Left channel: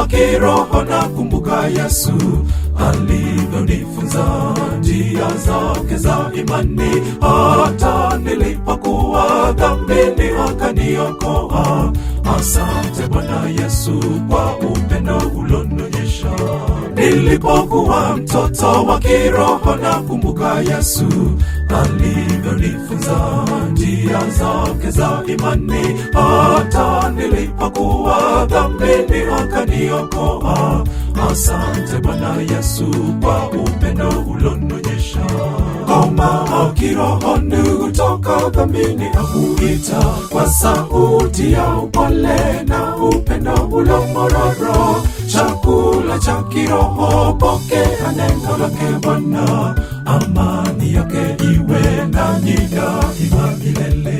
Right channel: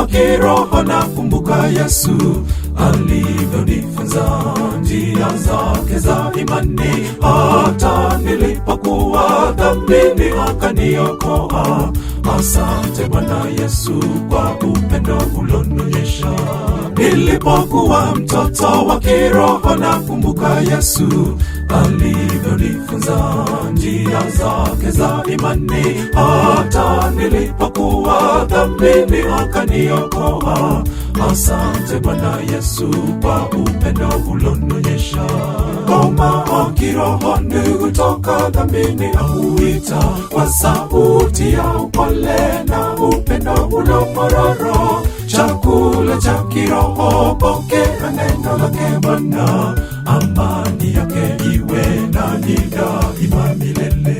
wa kiroho nakumbuka Yesu alivyonifunza njia zake za imani, hata nilipokuwa dhambini akaniokoa. Asante Bwana Yesu kwa upendo ulonionyesha. Nilipokuwa mtoto wa kiroho nakumbuka Yesu alivyonifunza njia zake za imani, hata nilipokuwa dhambini akaniokoa. Asante Bwana Yesu kwa upendo ulonionyesha. Kama kiroho ndugu toka dhambini amuita kwa sauti ya upole na upendo unapororo. Chakula cha kiroho pokea neno lake Bwana, amani yake iwe nanyi daima milele.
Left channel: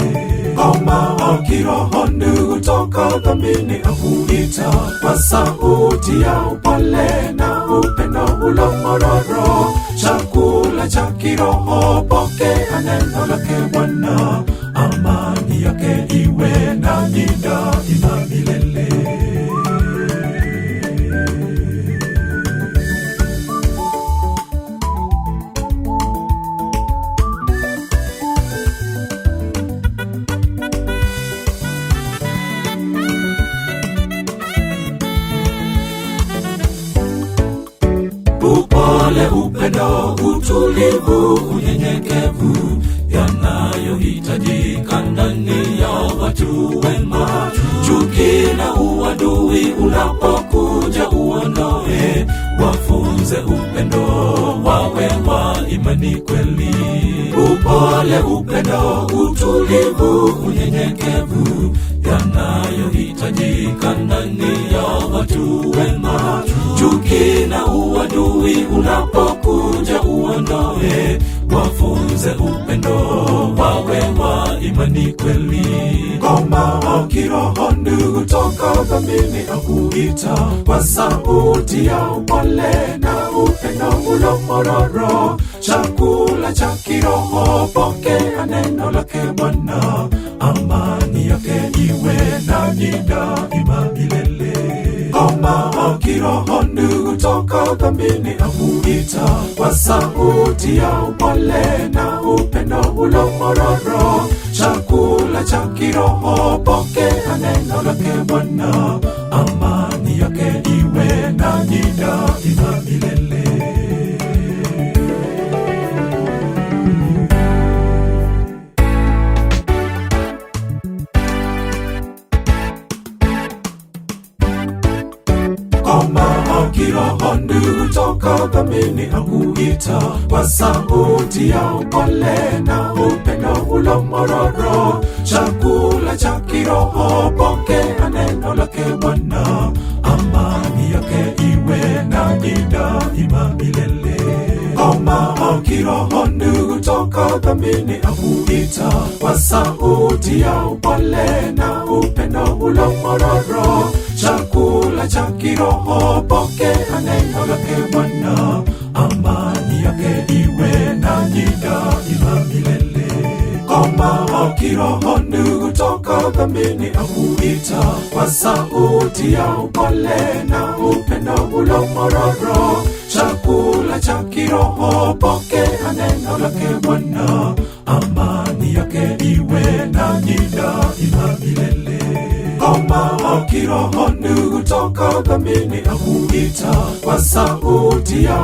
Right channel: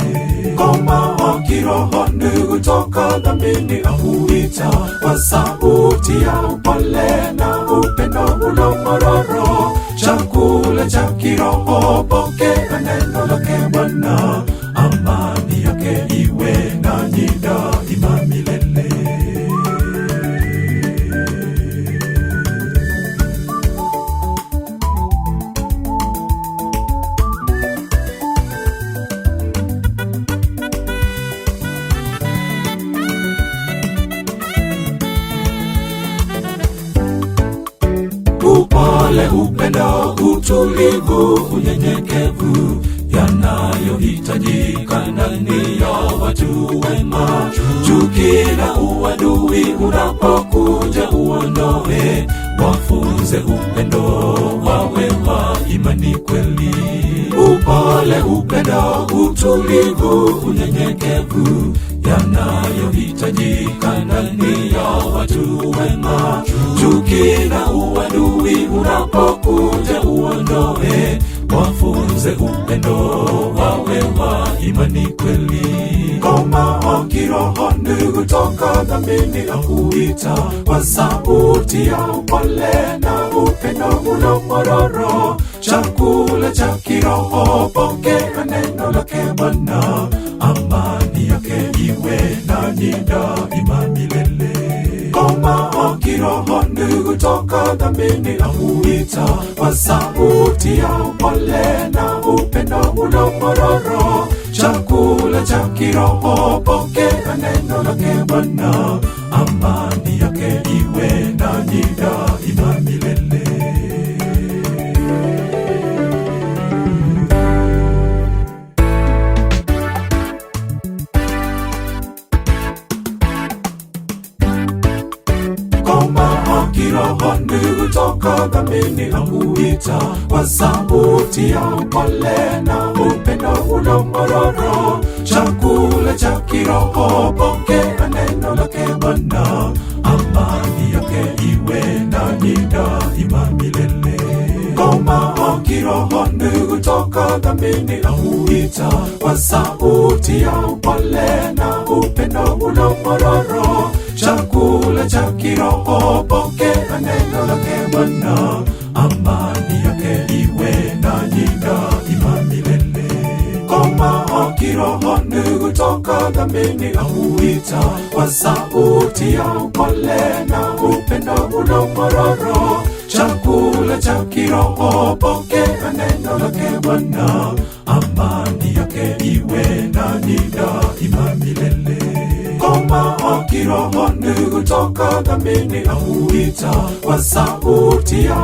Kama kiroho ndugu toka dhambini amuita kwa sauti ya upole na upendo unapororo. Chakula cha kiroho pokea neno lake Bwana, amani yake iwe nanyi daima milele. Upole, upendo, utulivu, unyenyekevu yanayohitajika ndani ya watu wema. Chuki na uadui unapokuja uondoe, wafunze upendo, wawe wa imani kweli. Upole, upendo, utulivu, unyenyekevu yanayohitajika ndani ya watu wema. Chuki na uadui unapokuja uondoe, wafunze upendo, wawe wa imani kweli. Kama kiroho ndugu toka dhambini amuita kwa sauti ya upole na upendo unapororo. Chakula cha kiroho pokea neno lake Bwana, amani yake iwe nanyi daima milele. Kama kiroho ndugu toka dhambini amuita kwa sauti ya upole na upendo unapororo. Chakula cha kiroho pokea neno lake Bwana, amani yake iwe nanyi daima milele. Kama kiroho ndugu toka dhambini amuita kwa sauti ya upole na upendo unapororo. Chakula cha kiroho pokea neno lake Bwana, amani yake iwe nanyi daima milele. Kama kiroho ndugu toka dhambini amuita kwa sauti ya upole na upendo unapororo. Chakula cha kiroho pokea neno lake Bwana, amani yake iwe nanyi daima milele. Kama kiroho ndugu toka dhambini amuita kwa sauti ya upole na upendo unapororo. Chakula cha kiroho pokea neno lake Bwana, amani yake iwe nanyi daima milele. Kama kiroho ndugu toka dhambini amuita kwa sauti ya